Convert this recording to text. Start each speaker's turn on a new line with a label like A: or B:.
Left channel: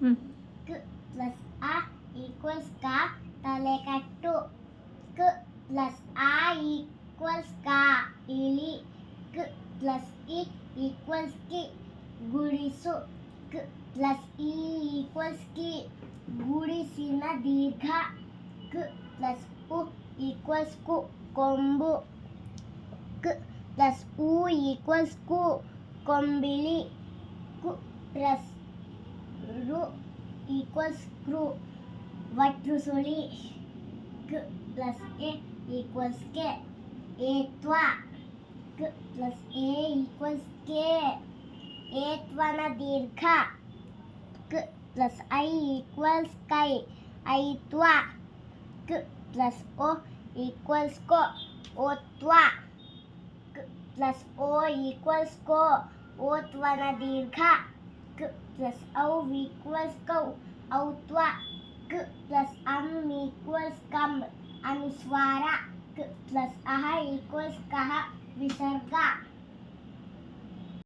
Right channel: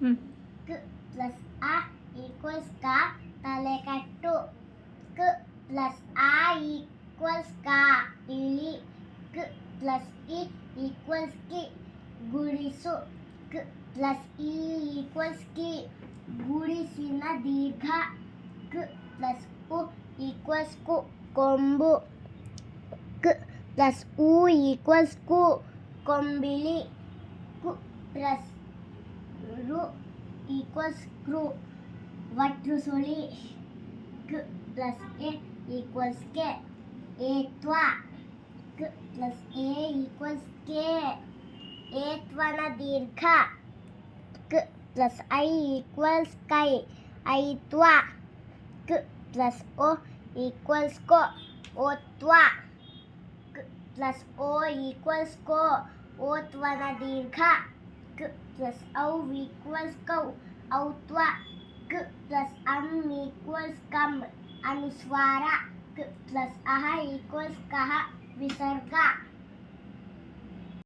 A: ಹ್ಮ್
B: ಕ್ ಪ್ಲಸ್ ಆ ಈಕ್ವಲ್ಸ್ ಕಾ ತಲೆಕಟ್ಟು ಕ್ ಪ್ಲಸ್ ಆ ಈಕ್ವಲ್ಸ್ ಕಾ ಇಳಿ ಕ್ ಪ್ಲಸ್ ಇ ಈಕ್ವಲ್ಸ್ ಕಿ ಗುಣಿಸು ಕ್ ಪ್ಲಸ್ ಇ ಈಕ್ವಲ್ಸ್ ಕಿ ಗುಣಿಸಿನ ದೀರ್ಘ ಕ್ ಪ್ಲಸ್ ಉ ಈಕ್ವಲ್ಸ್ ಕು ಕೊಂಬು ಕ್ ಪ್ಲಸ್ ಉ ಈಕ್ವಲ್ಸ್ ಕು ಕೊಂಬಿಳಿ ಕು ಪ್ಲಸ್ ರು ಈಕ್ವಲ್ಸ್ ಕ್ರೂ ವಟ್ರು ಸುಳಿ ಕ್ ಪ್ಲಸ್ ಎ ಈಕ್ವಲ್ಸ್ ಕೆ ಏತ್ವ ಕ್ ಪ್ಲಸ್ ಎ ಈಕ್ವಲ್ಸ್ ಕೆ ಏತ್ವನ ದೀರ್ಘ ಕ್ ಪ್ಲಸ್ ಐ ಈಕ್ವಲ್ಸ್ ಕೈ ಐತ್ವ ಕ್ ಪ್ಲಸ್ ಓ ಈಕ್ವಲ್ಸ್ ಕೋ ಓತ್ವ ಕ್ ಪ್ಲಸ್ ಓ ಈಕ್ವಲ್ಸ್ ಕೋ ಓತ್ವನ ದೀರ್ಘ ಕ್ ಪ್ಲಸ್ ಔ ಈಕ್ವಲ್ಸ್ ಕೌ autua ke plus am anu equals kam anuswara ke plus aha equals kaha visarga.